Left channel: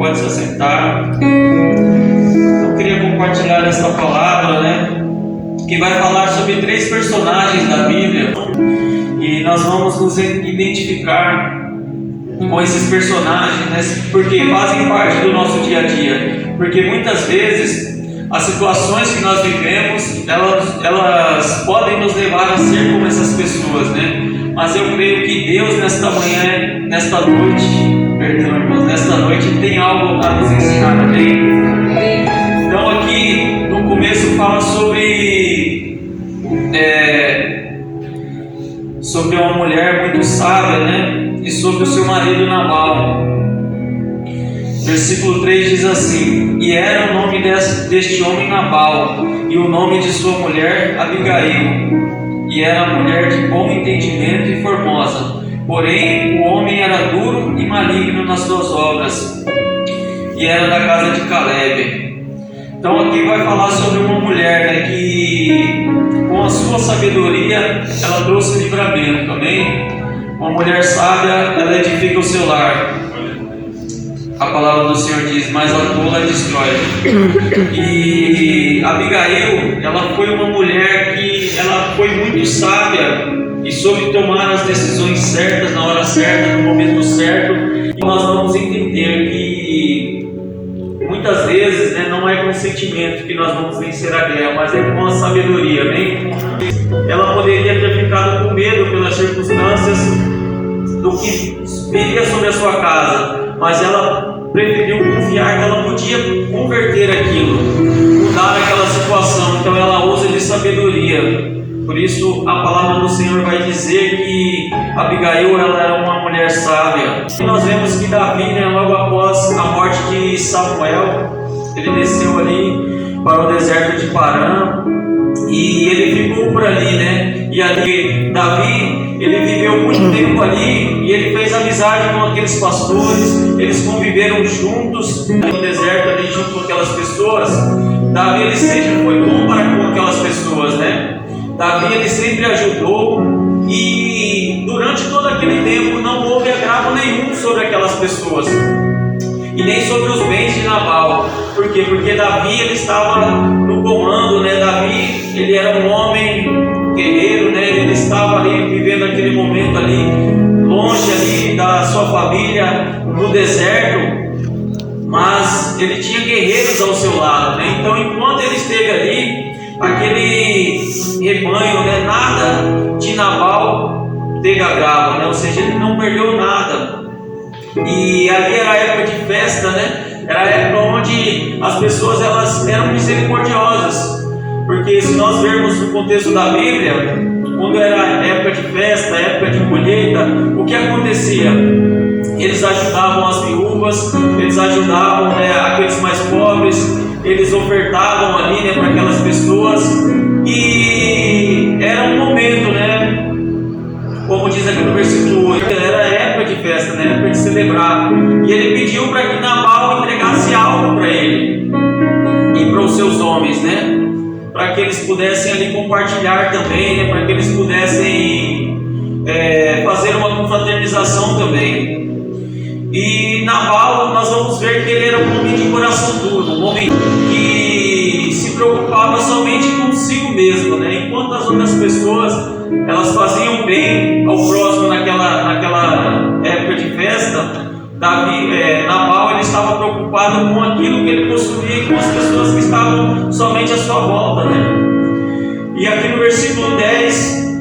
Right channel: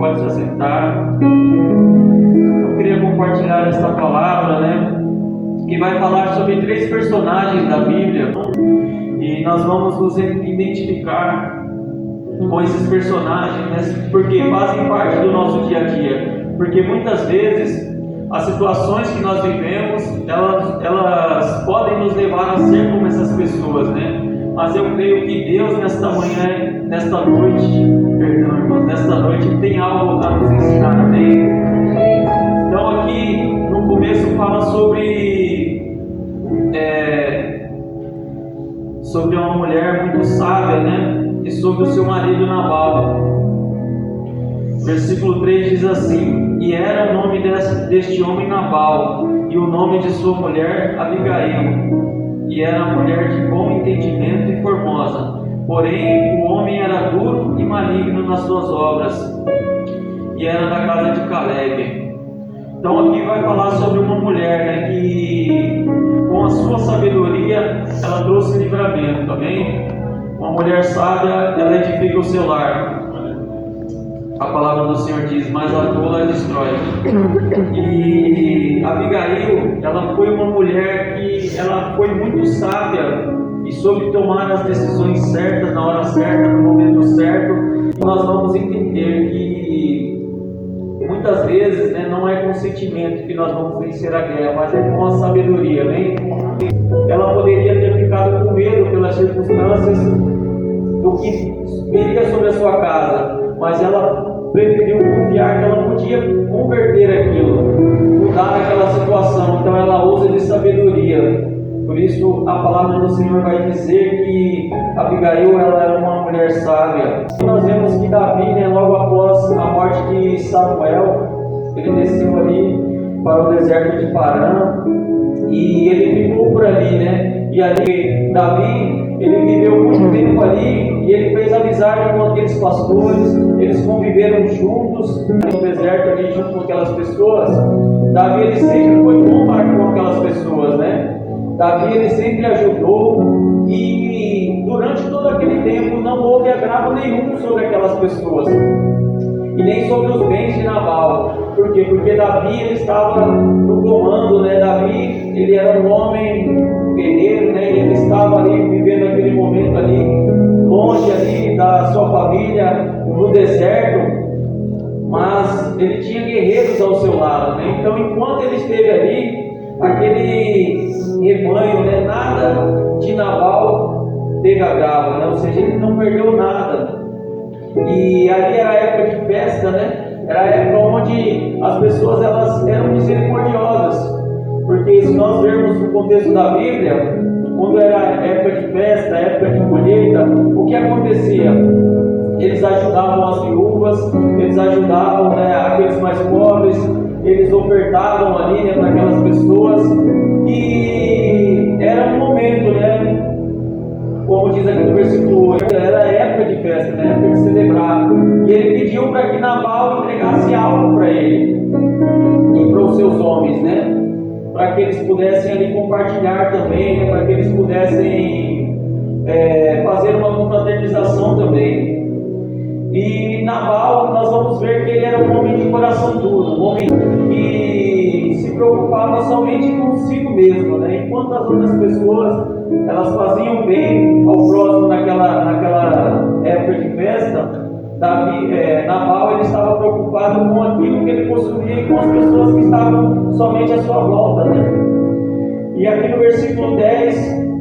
pode se assentar. Eu queria compartilhar esta palavra, né? Que vai falar sobre 3 personagens da Bíblia. E nós vamos nos identificar com esses personagens, né? Porque fazem parte do nosso dia a dia. Porque muitas vezes as situações que nós vivemos, elas podem nos levar a ser como essas pessoas, né? Mas eu creio que Deus nesta manhã, nesta noite, tem algo a nos ensinar, amém? Então aqui no começo fala sobre uma mulher muito sábia, né? E sobre o seu marido Nabal. Versículo 3 diz assim: e era o nome deste homem Nabal, e o nome de sua mulher Abigail. E era mulher de bom entendimento e formosa. Porém, o homem era duro e maligno nas suas obras, e era da casa de Caleb. Então aqui vai falar sobre uma mulher, né, que com a sua sabedoria ela trouxe livramento, amém? Uma mulher sábia, ela edifica o seu lar. A palavra do Senhor diz: mas a tola destrói. E Abigail, ela foi uma mulher que ela foi muito sábia e soube tomar as decisões certas na hora certa, no momento certo. E nós vamos entender que muitas vezes, né, não é com sentimento que nós vamos vencer a guerra, mas é com a sabedoria, né? Ela poderia ter ficado com medo pelas circunstâncias do que viria sobre a sua casa, mas ela preferiu confiar que ela podia converter aquilo, mudar aquela situação. Então ela usa de sabedoria. Por isso a palavra do Senhor vai dizer que Abigail, ela era uma mulher sábia. E nós vemos que Davi, né, logo após a morte de Samuel, ele desceu ali para o deserto de Parã e ele ficou por ali, né? E ali Davi, ele viveu muito tempo ali e ele fez amizade com aqueles pastores. Eles conviveram juntos no deserto ali junto com aquelas pessoas. Davi, ele sempre foi bom para com aquelas pessoas, né? Davi, ele sempre ajudou, e durante todo aquele tempo não houve agravo nenhum sobre aquelas pessoas e nem sobre os bens de Nabal. Por quê? Porque Davi, ele estava no comando, né? Davi, ele era um homem guerreiro, né? Ele estava ali vivendo aquele momento ali, longe ali da sua família, no deserto, mas ele tinha guerreiros ao seu lado, né? Então, enquanto ele esteve ali, aquele rebanho, né, nada de Nabal teve agravo, né? Ou seja, ele não perdeu nada. E ali era a época de festa, né? Era a época onde as pessoas, elas eram misericordiosas, porque se nós vermos no contexto da Bíblia, quando era a época de festa, a época de colheita, o que acontecia? Eles ajudavam as viúvas, eles ajudavam, né, aqueles mais pobres, eles ofertavam ali, né, para aquelas pessoas, e era um momento, né, como diz aqui no versículo 8, era a época de festa, né, época de celebrar. E ele pediu para que Nabal entregasse algo para ele e para os seus homens, né, para que eles pudessem ali compartilhar também, né, para que eles pudessem fazer uma confraternização também. E Nabal, nós vamos ver que ele era um homem de coração duro, um homem que se preocupava somente consigo mesmo, né? Enquanto as outras pessoas, elas faziam bem ao próximo naquela época de festa, Nabal, ele estava preocupado com aquilo que ele possuía, com as pessoas que estavam somente à sua volta, né? E aqui no versículo 10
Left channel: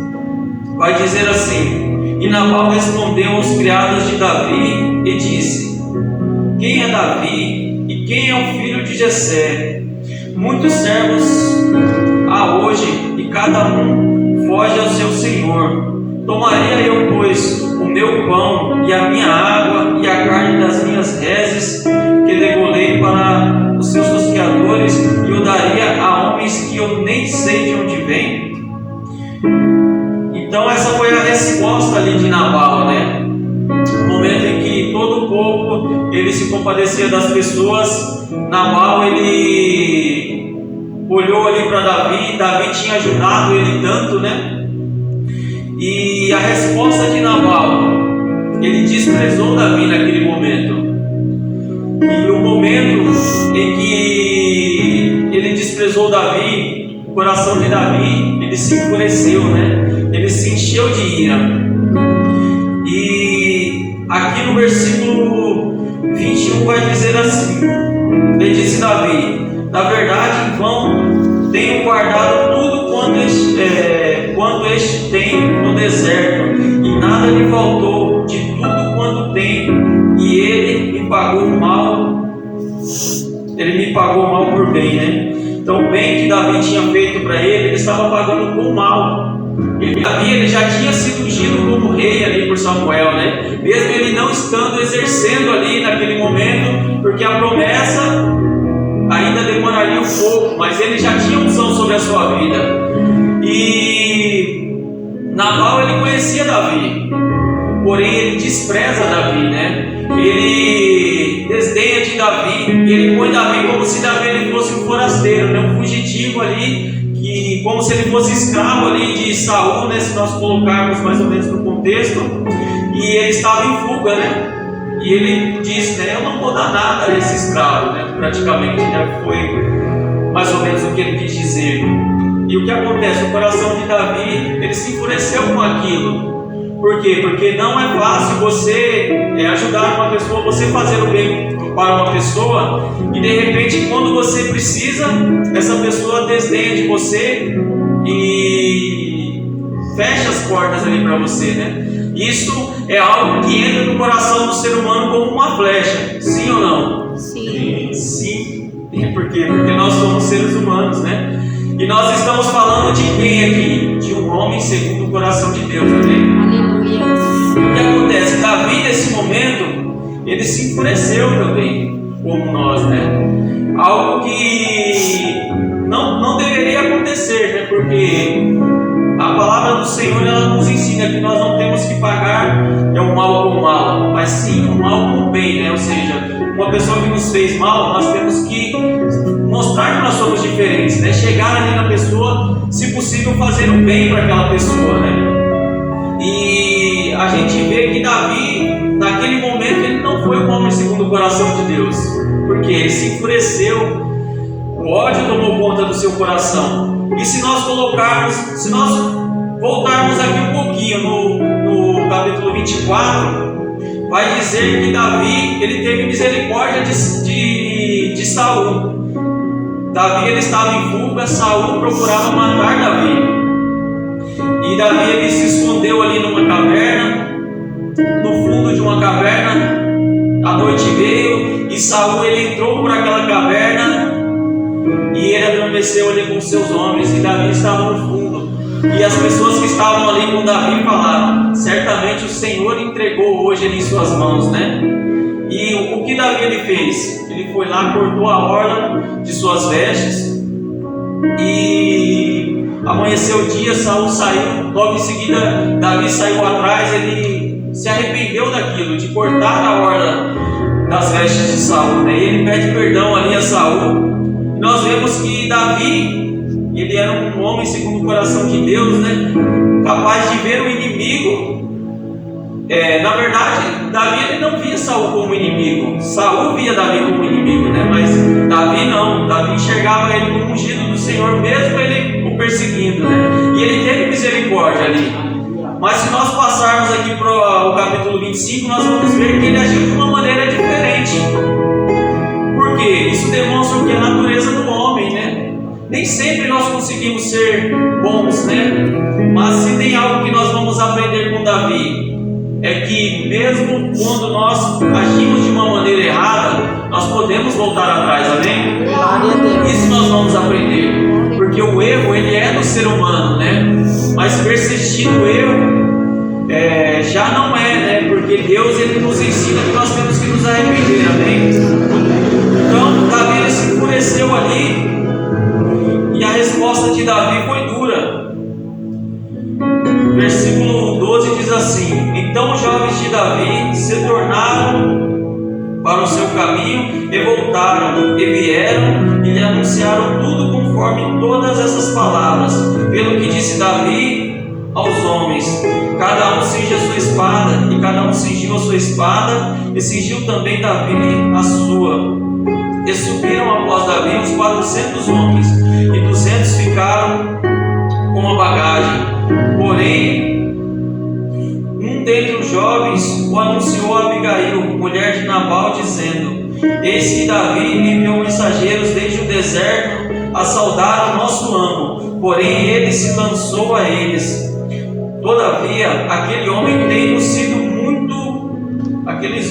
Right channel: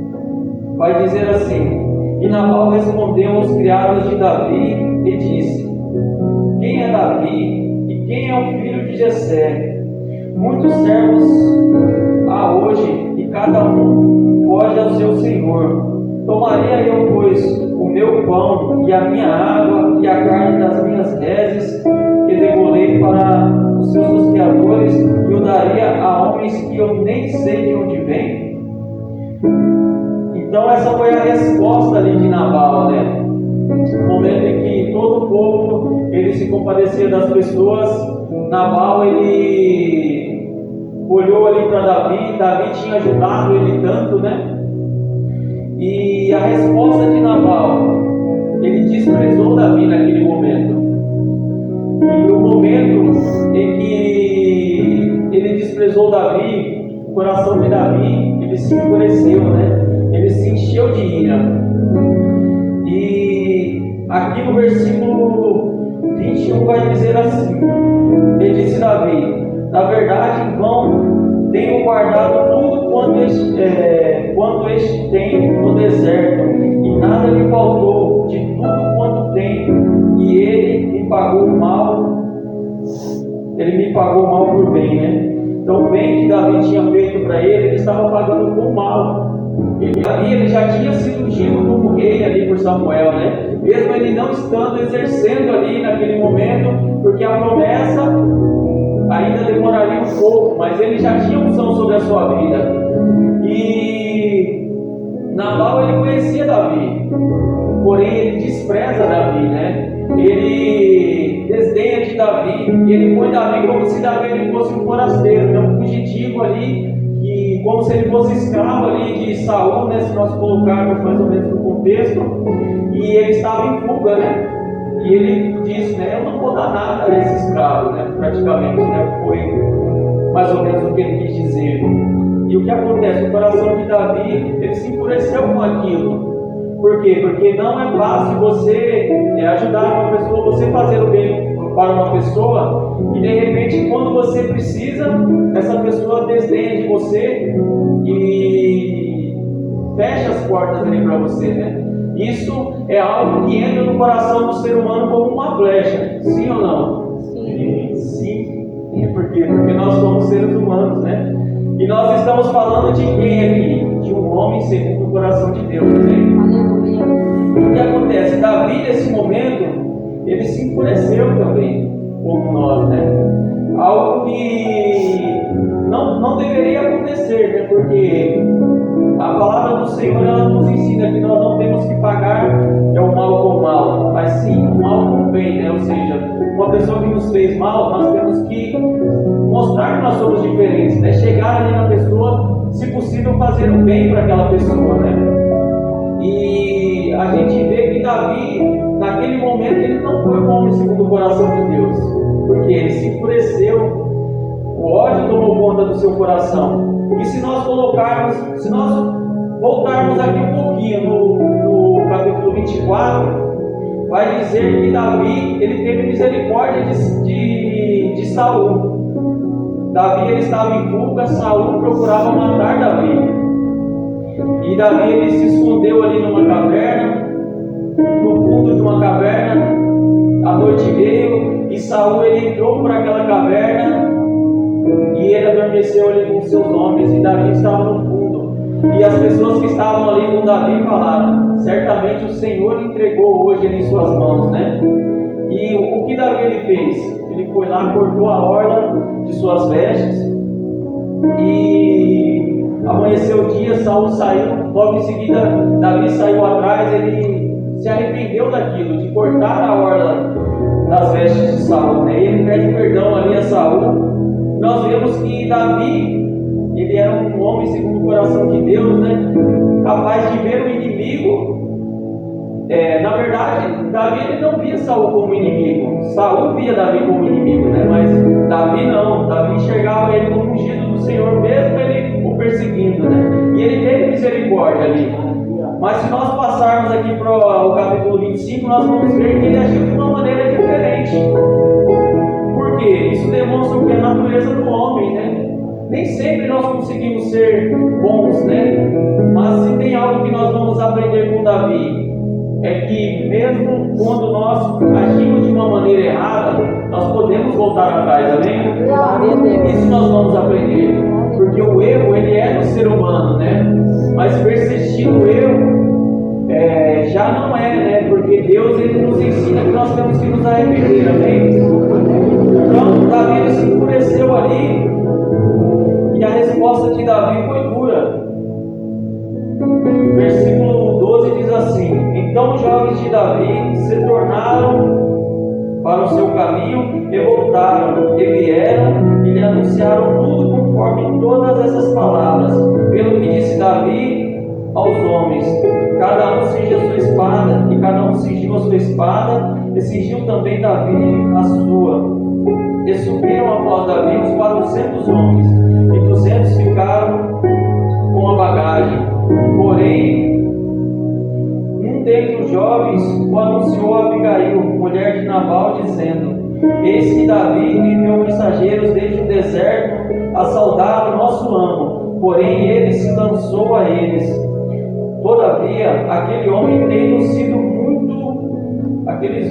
vai dizer assim: e Nabal respondeu aos criados de Davi e disse: quem é Davi e quem é o filho de Jessé? Muitos servos há hoje e cada um foge ao seu senhor. Tomaria eu, pois, o meu pão e a minha água e a carne das minhas reses que degolei para os seus tosqueadores e o daria a homens que eu nem sei de onde vêm? Então essa foi a resposta ali de Nabal, né? No momento em que todo o povo, ele se compadecia das pessoas, Nabal, ele olhou ali para Davi. Davi tinha ajudado ele tanto, né? E a resposta de Nabal, ele desprezou Davi naquele momento. E o momento em que ele desprezou Davi, o coração de Davi, ele se enfureceu, né? Ele se encheu de ira. E aqui no versículo 21 vai dizer assim: ele disse Davi: na verdade, em vão tenho guardado tudo quanto este tem no deserto, e nada lhe faltou de tudo quanto tem, e ele me pagou mal. Ele me pagou mal por bem, né? Então, o bem que Davi tinha feito para ele estava pagando com mal. Davi, ele já tinha sido ungido como rei ali por Samuel, né? Mesmo ele não estando exercendo ali naquele momento, porque a promessa ainda demoraria um pouco, mas ele já tinha unção sobre a sua vida. E Nabal, ele conhecia Davi, porém ele despreza Davi, né? Ele desdenha de Davi, e ele põe Davi como se Davi ele fosse um forasteiro, né? Um fugitivo ali, que, como se ele fosse escravo ali de Saul, né? Se nós colocarmos mais ou menos no contexto, e ele estava em fuga, né? E ele disse, né, eu não vou dar nada a esse escravo, né? Praticamente, né? Foi mais ou menos o que ele quis dizer. E o que acontece? O coração de Davi, ele se enfureceu com aquilo. Por quê? Porque não é fácil você ajudar uma pessoa, você fazer o bem para uma pessoa, e de repente, quando você precisa, essa pessoa desdenha de você e fecha as portas ali para você, né? Isso é algo que entra no coração do ser humano como uma flecha, sim ou não? Sim. Sim. Por quê? Porque nós somos seres humanos, né? E nós estamos falando de quem aqui? De um homem segundo o coração de Deus, amém? Aleluia. O que acontece? Davi, nesse momento, ele se enfureceu também, como nós, né? Algo que não deveria acontecer, né? Porque a palavra do Senhor, ela nos ensina que nós não temos que pagar o mal com o mal, mas sim o mal com o bem, né? Ou seja, uma pessoa que nos fez mal, nós temos que mostrar que nós somos diferentes, né? Chegar ali na pessoa, se possível, fazer o bem para aquela pessoa, né? E a gente vê que Davi, naquele momento, ele não foi um homem segundo o coração de Deus, porque ele se enfureceu, o ódio tomou conta do seu coração. E se nós voltarmos aqui um pouquinho no capítulo 24, vai dizer que Davi, ele teve misericórdia de Saul. Davi, ele estava em fuga, Saul procurava matar Davi. E Davi, ele se escondeu ali numa caverna, no fundo de uma caverna. A noite veio e Saul, ele entrou por aquela caverna e ele adormeceu ali com seus homens, e Davi estava no fundo. E as pessoas que estavam ali com Davi falaram: certamente o Senhor entregou hoje ele em suas mãos, né? E o que Davi ele fez? Ele foi lá, cortou a orla de suas vestes, e amanheceu o dia, Saul saiu, logo em seguida Davi saiu atrás, ele se arrependeu daquilo, de cortar a orla das vestes de Saul, né? E ele pede perdão ali a Saul. Nós vemos que Davi, ele era um homem segundo o coração de Deus, né? Capaz de ver o inimigo. Na verdade, Davi, ele não via Saul como inimigo. Saul via Davi como inimigo, né? Mas Davi não. Davi enxergava ele como ungido do Senhor, mesmo ele o perseguindo, né? E ele teve misericórdia ali. Mas se nós passarmos aqui para o capítulo 25, nós vamos ver que ele agiu de uma maneira diferente. Por quê? Isso demonstra o que é a natureza do homem, né? Nem sempre nós conseguimos ser bons, né? Mas se tem algo que nós vamos aprender com Davi, é que mesmo quando nós agimos de uma maneira errada, nós podemos voltar atrás, amém? Isso nós vamos aprender, porque o erro, ele é do ser humano, né? Mas persistir no erro já não é, né? Porque Deus, ele nos ensina que nós temos que nos arrepender, amém? Então Davi, ele se enfureceu ali, e a resposta de Davi foi dura. Versículo 12 diz assim: então os jovens de Davi se tornaram para o seu caminho e voltaram, e vieram e lhe anunciaram tudo conforme todas essas palavras. Pelo que disse Davi aos homens: cada um cinge a sua espada. E cada um cingiu a sua espada, e cingiu também Davi a sua. estavam 200 homens, e 200 ficaram com a bagagem. Porém, um dentre os jovens o anunciou a Abigail, mulher de Nabal, dizendo: eis que Davi enviou mensageiros desde o deserto a saudar o nosso amo, porém ele se lançou a eles. Todavia, aquele homem tem nos sido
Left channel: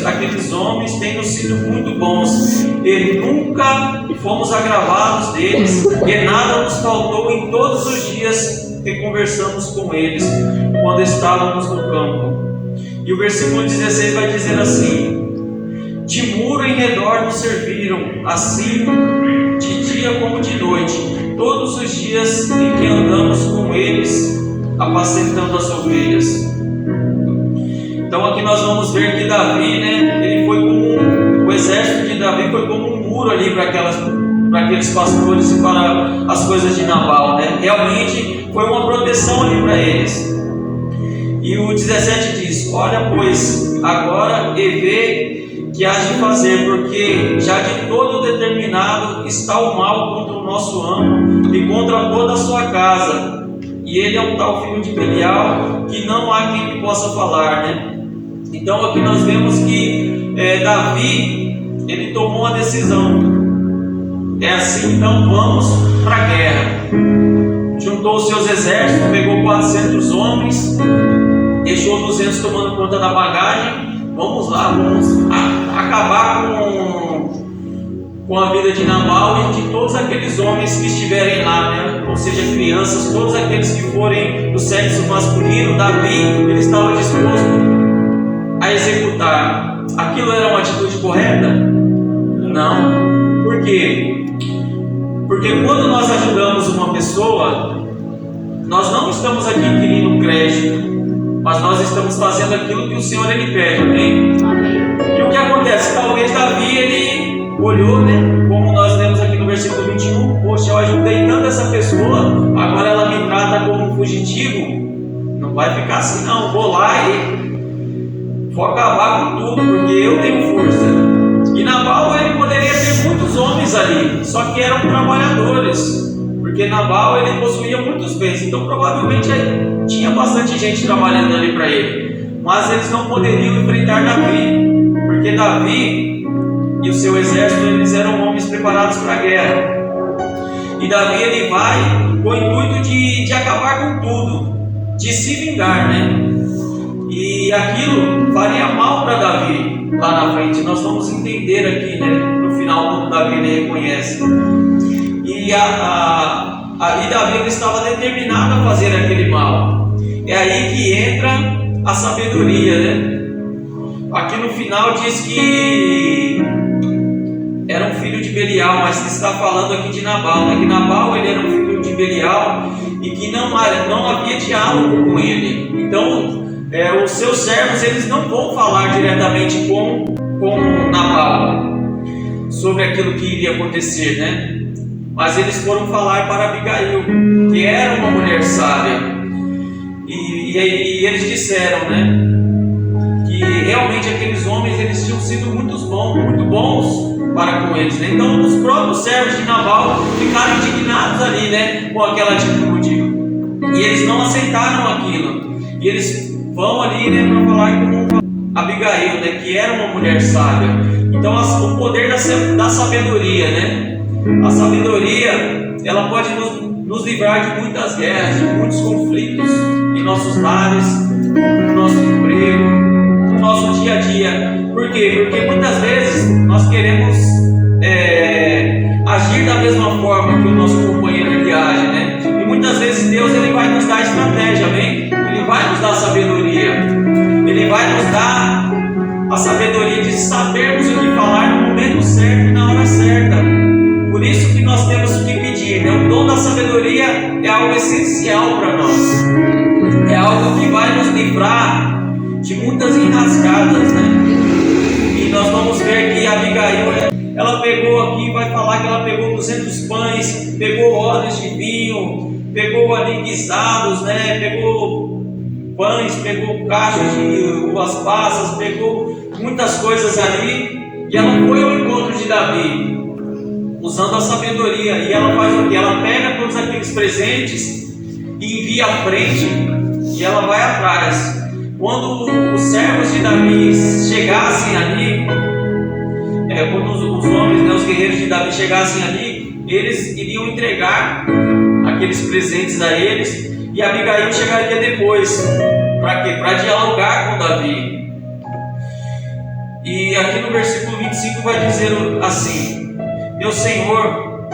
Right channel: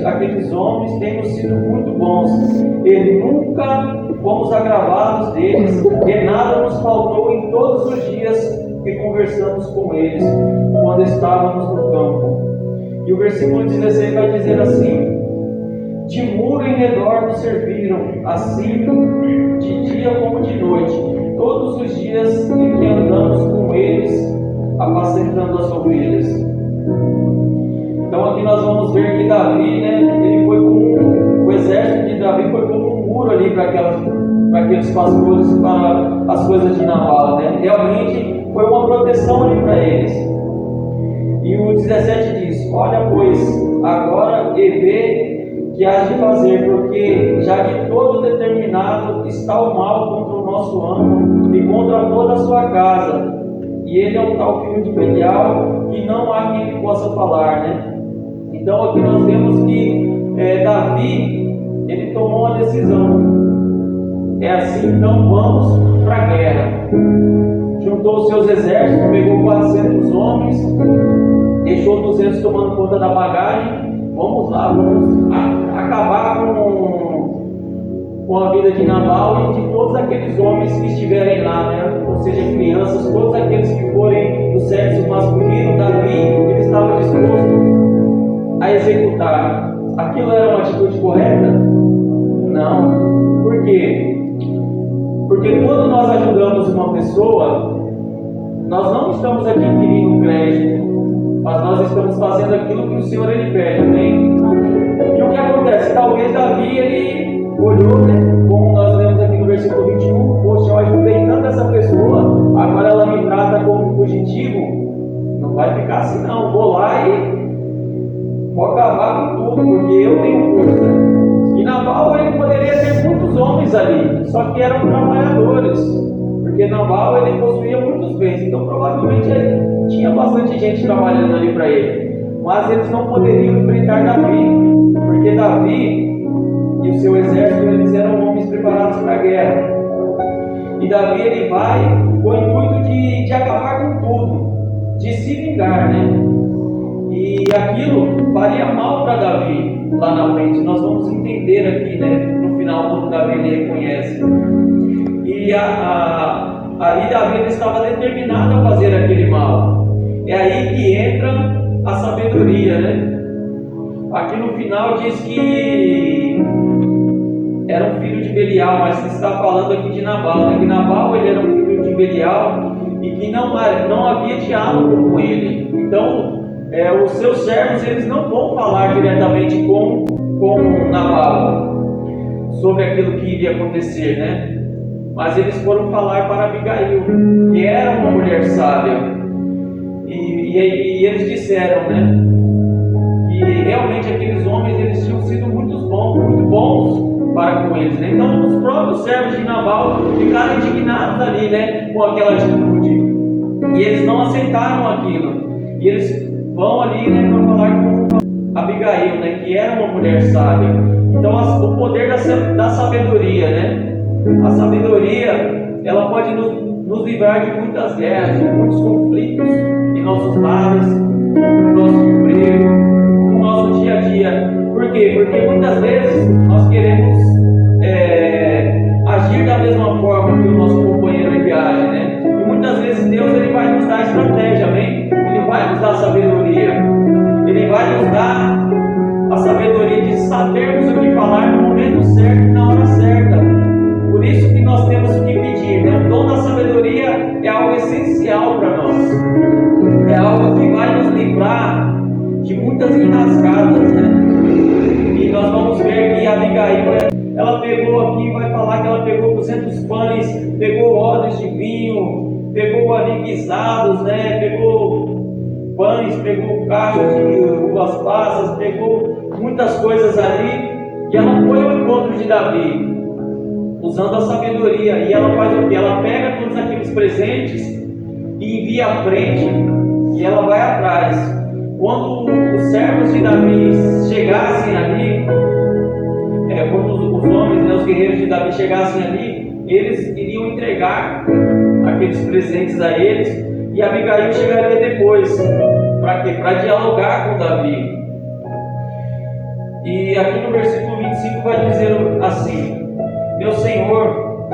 aqueles homens têm nos sido muito bons, e nunca fomos agravados deles, e nada nos faltou em todos os dias que conversamos com eles, quando estávamos no campo. E o versículo 16 vai dizer assim: de muro em redor nos serviram, assim de dia como de noite, todos os dias em que andamos com eles, apacentando as ovelhas. Então aqui nós vamos ver que Davi, ele foi como o exército de Davi foi como um muro ali para aqueles pastores e para as coisas de Nabal, Realmente foi uma proteção ali para eles. E o 17 diz: olha, pois agora vê que hás de fazer, porque já de todo determinado está o mal contra o nosso amo e contra toda a sua casa. E ele é um tal filho de Belial que não há quem lhe possa falar, Então aqui nós vemos que Davi, ele tomou uma decisão. É assim, então vamos para a guerra. Juntou os seus exércitos, pegou 400 homens, deixou 200 tomando conta da bagagem. Vamos lá, vamos acabar com a vida de Nabal e de todos aqueles homens que estiverem lá, ou seja, crianças, todos aqueles que forem do sexo masculino. Davi, ele estava disposto a executar. Aquilo era uma atitude correta? Não. Por quê? Porque quando nós ajudamos uma pessoa, nós não estamos aqui querendo crédito, mas nós estamos fazendo aquilo que o Senhor ele pede, amém? E o que acontece? Talvez Davi, ele olhou, como nós lemos aqui no versículo 21, poxa, eu ajudei tanto essa pessoa, agora ela me trata como um fugitivo. Não vai ficar assim não, vou lá e vou acabar com tudo, porque eu tenho força. E Nabal, ele poderia ter muitos homens ali, só que eram trabalhadores, porque Nabal, ele possuía muitos bens, então provavelmente tinha bastante gente trabalhando ali para ele, mas eles não poderiam enfrentar Davi, porque Davi e o seu exército, eles eram homens preparados para a guerra. E Davi, ele vai com o intuito de acabar com tudo, de se vingar, E aquilo faria mal para Davi lá na frente. Nós vamos entender aqui, no final, quando Davi ele reconhece. E ali Davi ele estava determinado a fazer aquele mal. É aí que entra a sabedoria, Aqui no final diz que era um filho de Belial, mas está falando aqui de Nabal, que Nabal ele era um filho de Belial e que não havia diálogo com ele. Então os seus servos, eles não vão falar diretamente com Nabal sobre aquilo que iria acontecer, mas eles foram falar para Abigail, que era uma mulher sábia, e eles disseram, que realmente aqueles homens, eles tinham sido muito bons para com eles, Então os próprios servos de Nabal ficaram indignados ali, com aquela atitude, e eles não aceitaram aquilo, e eles vão ali, para falar com Abigail, que era uma mulher sábia. Então o poder da sabedoria, A sabedoria, ela pode nos livrar de muitas guerras, de muitos conflitos em nossos lares, no nosso emprego, no nosso dia a dia. Por quê? Porque muitas vezes nós queremos agir da mesma forma que o nosso companheiro ele age, E muitas vezes Deus ele vai nos dar estratégia, amém? Ele vai nos dar sabedoria. Ele vai nos dar a sabedoria de sabermos o que falar no momento certo e na hora certa. Por isso que nós temos que pedir, O dom da sabedoria é algo essencial para nós. É algo que vai nos livrar de muitas enrascadas, E nós vamos ver que Abigail, ela pegou aqui, vai falar que ela pegou 200 pães, pegou odres de vinho, pegou ali guisados, pegou pães, pegou caixas de uvas passas, pegou muitas coisas ali, e ela foi ao encontro de Davi. Os usando a sabedoria. E ela faz o que? Ela pega todos aqueles presentes e envia à frente, e ela vai atrás. Quando os servos de Davi chegassem ali, quando os homens, né, os guerreiros de Davi chegassem ali, eles iriam entregar aqueles presentes a eles, e Abigail chegaria depois. Para quê? Para dialogar com Davi. E aqui no versículo 25 vai dizer assim: meu Senhor,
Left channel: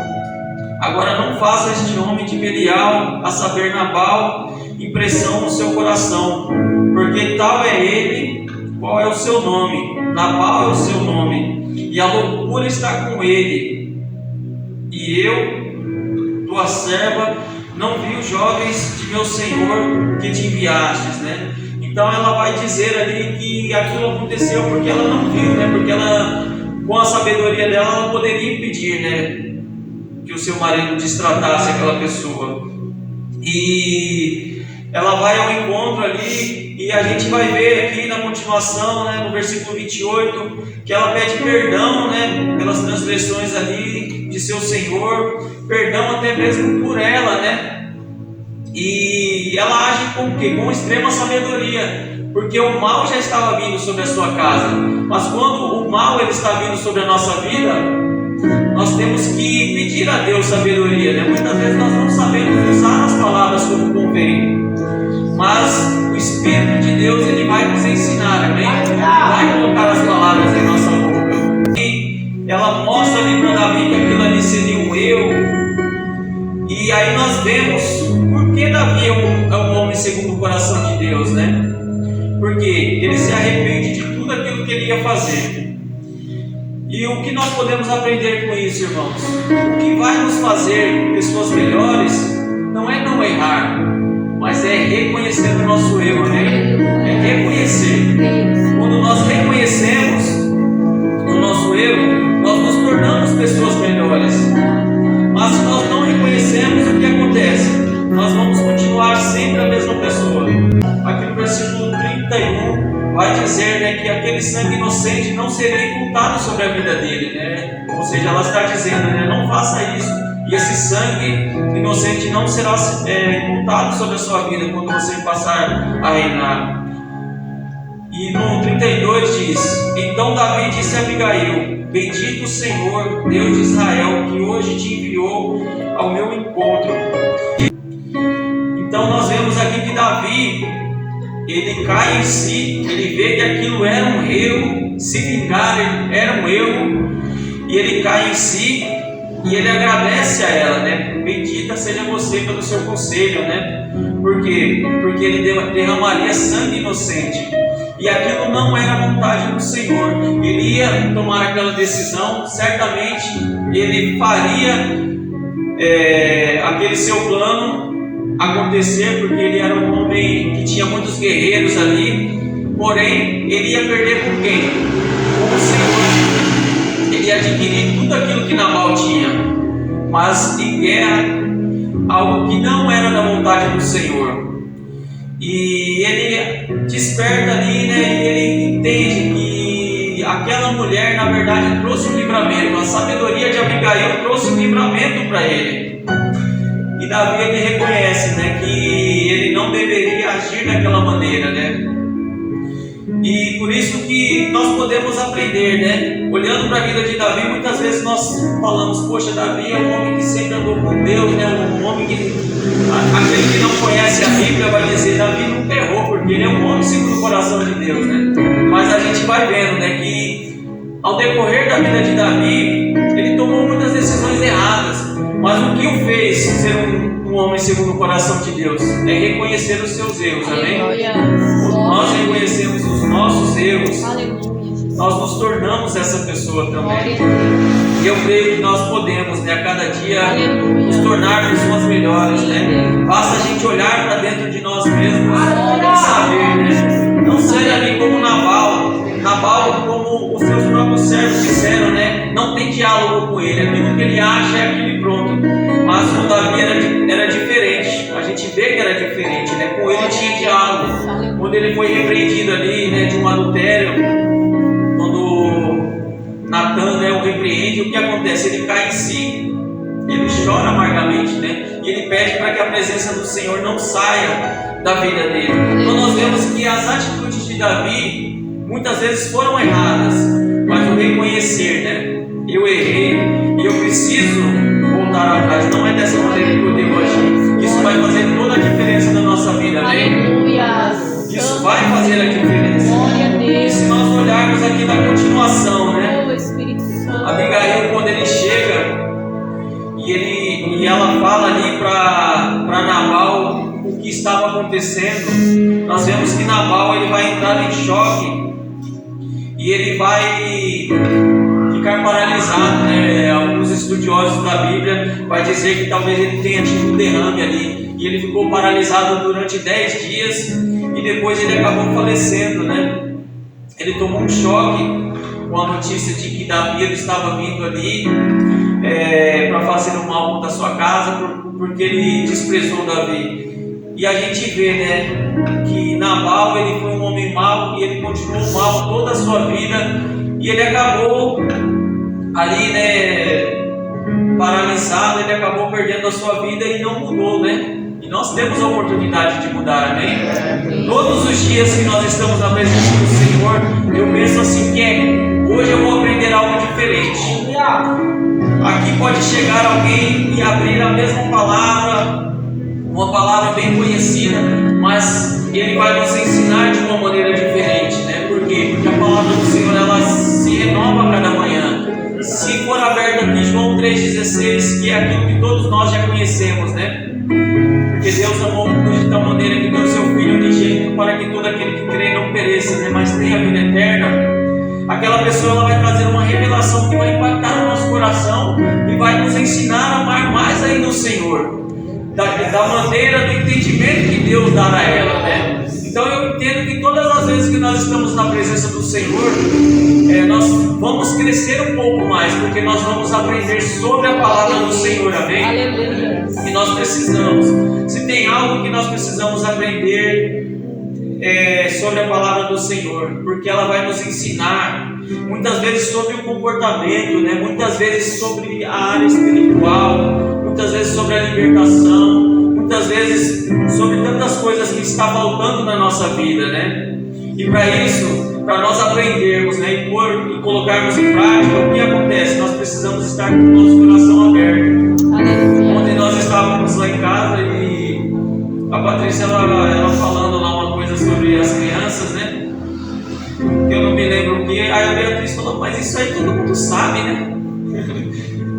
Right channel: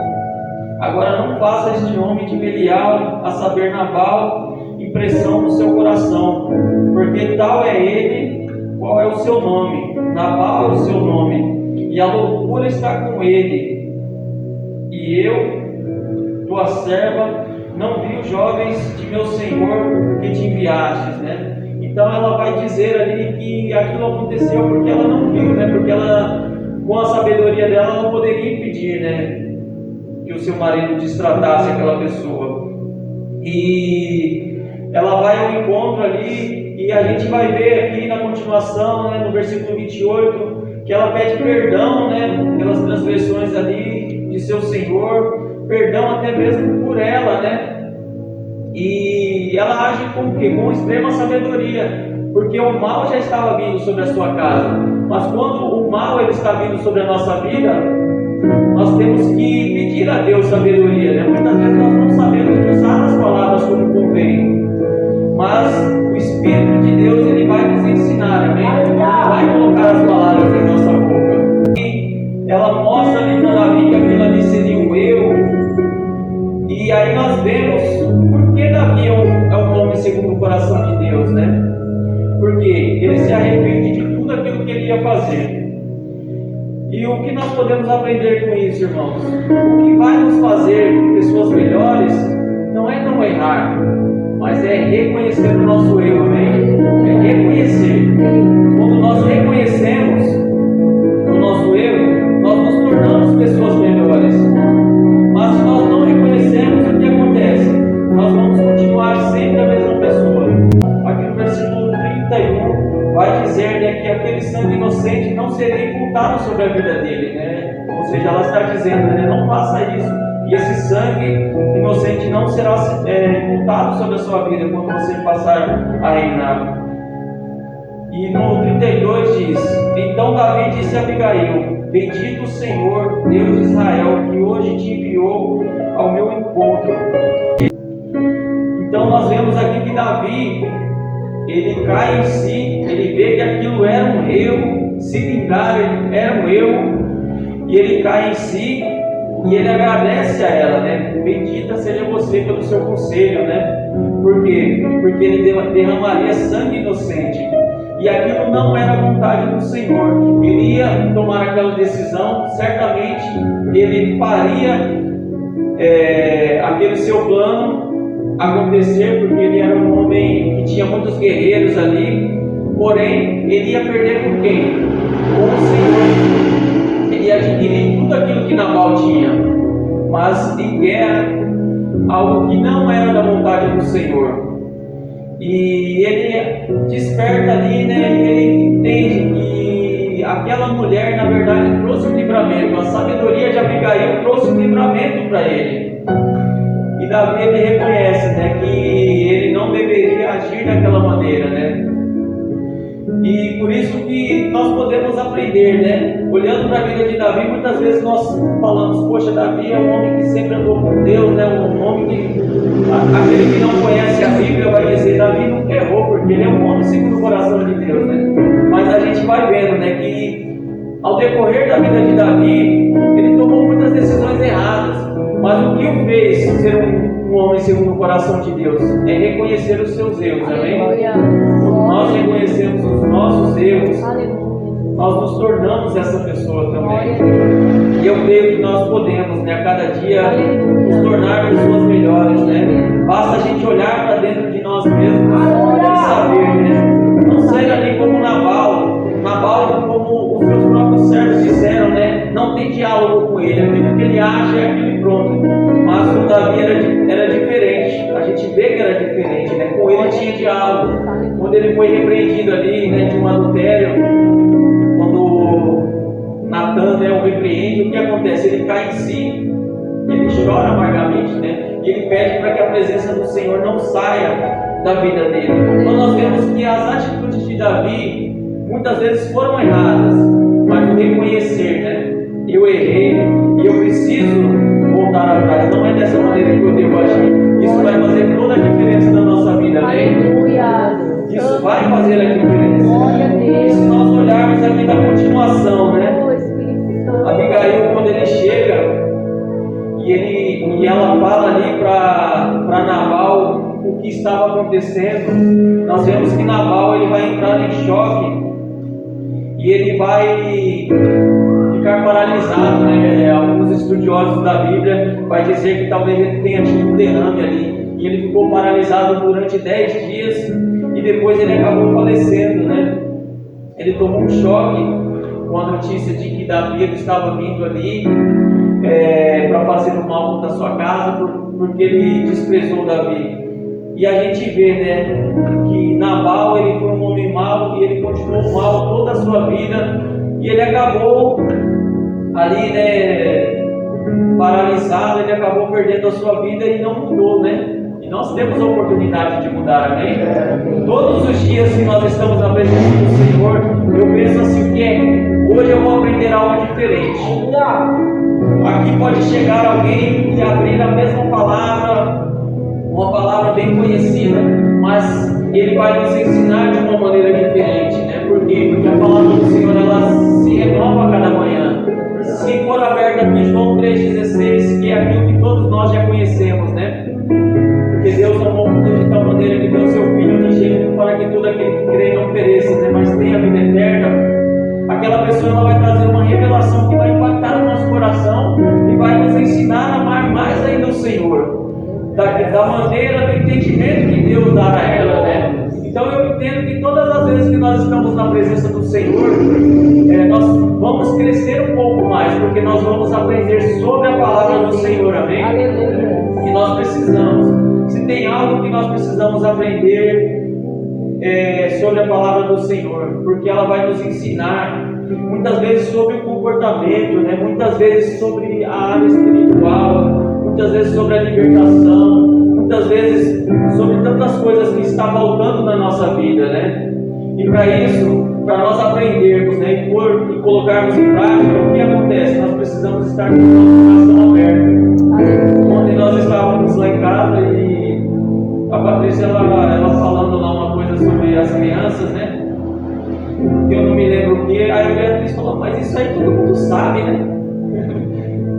agora não faça este homem de Belial, a saber Nabal, impressão no seu coração, porque tal é ele, qual é o seu nome, Nabal é o seu nome, e a loucura está com ele. E eu, tua serva, não vi os jovens de meu Senhor que te enviastes, né? Então ela vai dizer ali que aquilo aconteceu porque ela não viu, né? Porque ela, com a sabedoria dela, ela poderia impedir, né, que o seu marido destratasse aquela pessoa. E ela vai ao encontro ali, e a gente vai ver aqui na continuação, né, no versículo 28, que ela pede perdão, né, pelas transgressões ali de seu Senhor, perdão até mesmo por ela, né? E ela age com o quê? Com extrema sabedoria, porque o mal já estava vindo sobre a sua casa. Mas quando o mal ele está vindo sobre a nossa vida, nós temos que pedir a Deus sabedoria, né? Muitas vezes nós não sabemos usar as palavras como convém, mas o Espírito de Deus ele vai nos ensinar, amém? Ele vai colocar as palavras em nossa boca. E ela mostra ali para Davi que aquilo ali seria o eu. E aí nós vemos por que Davi é um homem segundo o coração de Deus, né? Porque ele se arrepende de tudo aquilo que ele ia fazer. E o que nós podemos aprender com isso, irmãos? O que vai nos fazer pessoas melhores não é não errar, mas é reconhecer o nosso erro, né? É reconhecer. Quando nós reconhecemos o nosso erro, nós nos tornamos pessoas melhores. Mas se nós não reconhecemos, o que acontece? Nós vamos continuar sempre a mesma pessoa. Aqui no versículo 31 vai dizer, né, que aquele sangue inocente não seria imputado sobre a vida dele, né? Ou seja, ela está dizendo, né, não faça isso, e esse sangue inocente não será imputado sobre a sua vida quando você passar a reinar. E no 32 diz: então Davi disse a Abigail: bendito o Senhor, Deus de Israel, que hoje te enviou ao meu encontro. Então nós vemos aqui que Davi, ele cai em si, ele vê que aquilo era um erro, se vingar era um erro, e ele cai em si, e ele agradece a ela, né? Bendita seja você pelo seu conselho, né? Por quê? Porque ele derramaria sangue inocente. E aquilo não era a vontade do Senhor. Ele ia tomar aquela decisão, certamente ele faria aquele seu plano acontecer, porque ele era um homem que tinha muitos guerreiros ali. Porém, ele ia perder com quem? Com o Senhor. Ele ia adquirir tudo aquilo que Nabal tinha, mas em guerra, algo que não era da vontade do Senhor. E ele desperta ali, né? E ele entende que aquela mulher, na verdade, trouxe um livramento. A sabedoria de Abigail trouxe um livramento para ele. E Davi, ele reconhece, né, que ele não deveria agir daquela maneira, né? E por isso que nós podemos aprender, né? Olhando para a vida de Davi, muitas vezes nós falamos: poxa, Davi é um homem que sempre andou com Deus, né? Um homem que, aquele que não conhece a Bíblia vai dizer: Davi nunca errou, porque ele é um homem segundo o coração de Deus, né? Mas a gente vai vendo, né, que ao decorrer da vida de Davi, ele tomou muitas decisões erradas, mas o que o fez ser um homem segundo o coração de Deus é reconhecer os seus erros, amém? Quando nós reconhecemos os nossos erros, nós nos tornamos essa pessoa também. E eu creio que nós podemos, né, a cada dia nos tornar pessoas melhores, né? Basta a gente olhar para dentro de nós mesmos e saber, né? Não ser ali como Nabal, como os seus próprios servos disseram, né? Não tem diálogo com ele, aquilo que ele acha é aquilo e pronto. Mas com Davi era diferente, a gente vê que era diferente, né? Com ele tinha diálogo. Quando ele foi repreendido ali, né, de um adultério, quando Natan, né, o repreende, o que acontece? Ele cai em si chora amargamente, né? E ele pede para que a presença do Senhor não saia da vida dele. Então nós vemos que as atitudes de Davi muitas vezes foram erradas, mas o reconhecer, né? Eu errei e eu preciso voltar atrás. Não é dessa maneira que eu devo agir. Isso vai fazer toda a diferença na nossa vida, amém? Aleluia. Isso vai fazer a diferença. Glória a Deus. E se nós olharmos aqui na continuação, né? Oh, Espírito Santo. Abigail, quando ele chega e ela fala ali para Nabal o que estava acontecendo, nós vemos que Nabal ele vai entrar em choque e ele vai ficar paralisado, né? Alguns estudiosos da Bíblia vai dizer que talvez ele tenha tido um derrame ali e ele ficou paralisado durante 10 dias e depois ele acabou falecendo, né? Ele tomou um choque com a notícia de que Davi estava vindo ali para fazer o mal contra a sua casa, porque ele desprezou Davi. E a gente vê, né, que Nabal ele foi um homem mau e ele continuou mal toda a sua vida e ele acabou ali, né, paralisado, ele acabou perdendo a sua vida e não mudou, né? E nós temos a oportunidade de mudar, amém? Todos os dias que nós estamos na presença do Senhor, eu penso assim que hoje eu vou aprender algo diferente. Aqui pode chegar alguém e abrir a mesma palavra, uma palavra bem conhecida, mas ele vai nos ensinar de uma maneira diferente, né? Por quê? Porque a palavra do Senhor ela se renova a cada manhã. Se for aberto aqui João 3,16, que é aquilo que todos nós já conhecemos, né? Porque Deus amou o mundo de tal maneira que deu o seu Filho unigênito para que todo aquele que crê não pereça, né? Mas tenha a vida eterna. Aquela pessoa ela vai trazer uma revelação que vai impactar o nosso coração e vai nos ensinar a amar mais ainda o Senhor, da maneira do entendimento que Deus dá a ela, né? Então eu entendo que todas as vezes que nós estamos na presença do Senhor, nós vamos crescer um pouco mais, porque nós vamos aprender sobre a palavra do Senhor, amém? Aleluia. E nós precisamos, se tem algo que nós precisamos aprender sobre a palavra do Senhor, porque ela vai nos ensinar muitas vezes sobre o comportamento, né? Muitas vezes sobre a área espiritual, muitas vezes sobre a libertação, muitas vezes sobre tantas coisas que está faltando na nossa vida, né? E para isso, para nós aprendermos, né, e colocarmos em prática, o que acontece? Nós precisamos estar com o nosso coração aberto. Aleluia. Ontem nós estávamos lá em casa e a Patrícia ela falando lá uma coisa sobre as crianças, né? Que eu não me lembro o que. Aí a Beatriz falou, mas isso aí todo mundo sabe, né?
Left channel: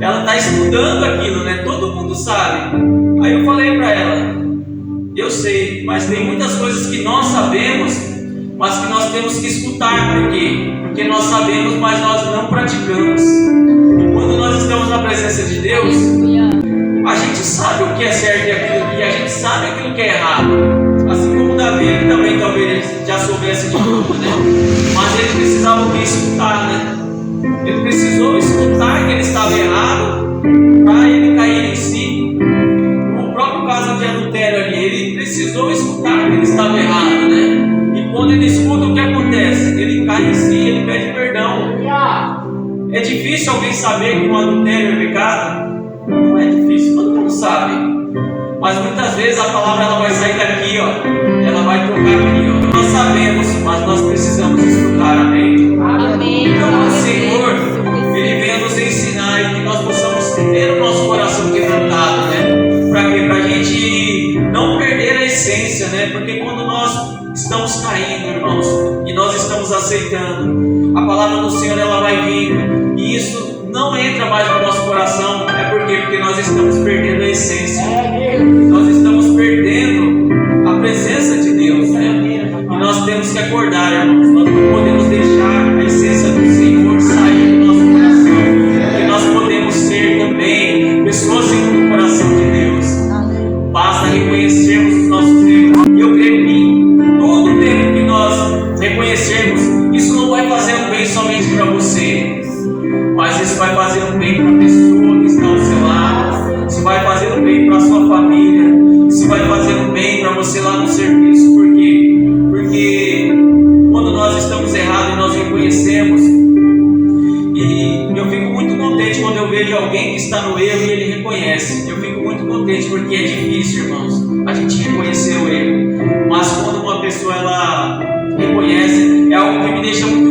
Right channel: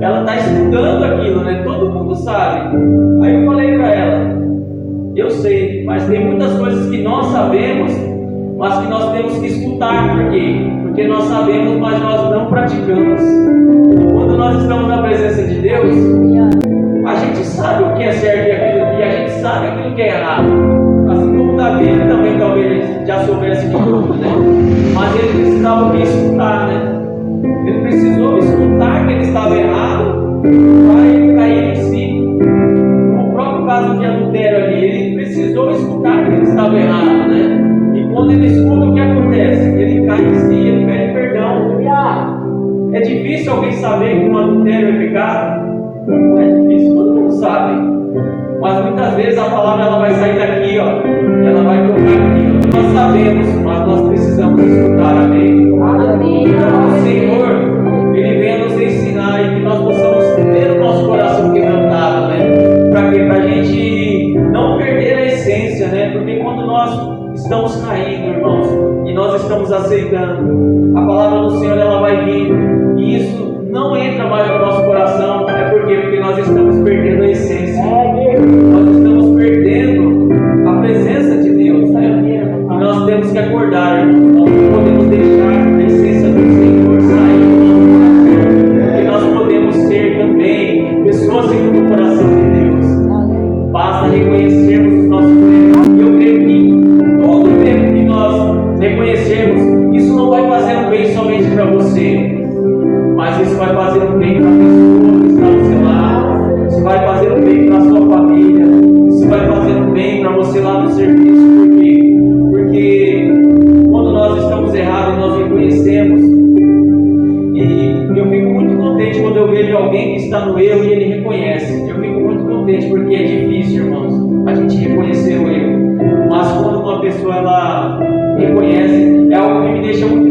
Ela está estudando aquilo, né? Todo mundo sabe. Aí eu falei para ela, eu sei, mas tem muitas coisas que nós sabemos, mas que nós temos que escutar. Por quê? Porque nós sabemos, mas nós não praticamos. E quando nós estamos na presença de Deus, a gente sabe o que é certo e a gente sabe aquilo que é errado. Assim como Davi também talvez já soubesse de tudo, né? Mas ele precisava ouvir escutar, né? Ele precisou escutar que ele estava errado para ele cair em si. No próprio caso de adultério ali, ele precisou escutar que ele estava errado, né? E quando ele escuta, o que acontece? Ele cai em si, ele pede perdão. É difícil alguém saber que um adultério é pecado? Não é difícil, todo mundo sabe. Mas muitas vezes a palavra ela vai sair daqui, ó, e ela vai tocar aqui, ó. Nós sabemos, mas nós precisamos escutar, amém? Amém. Então o Senhor, Ele vem nos ensinar e que nós possamos ter o nosso coração quebrantado, né? Para quê? Para a gente não perder a essência, né? Porque quando nós estamos caindo, irmãos, e nós estamos aceitando, a palavra do Senhor ela vai vindo, e isso não entra mais no nosso coração, porque nós estamos perdendo a essência, nós estamos perdendo a presença de Deus, né? E nós temos que acordar, irmãos, nós não podemos deixar a essência do Senhor sair do nosso coração, porque nós podemos ser também pessoas segundo o coração de Deus. Basta reconhecermos os nossos erros, e eu creio que todo o tempo que nós reconhecermos, isso não vai fazer um bem somente para você, mas isso vai fazer um bem para a pessoa que está ao seu lado, isso vai fazer um bem para a sua família, isso vai fazer um bem para você lá no serviço. Por quê? Porque quando nós estamos errados, nós reconhecemos, e eu fico muito contente quando eu vejo alguém que está no erro e ele reconhece. deixa muito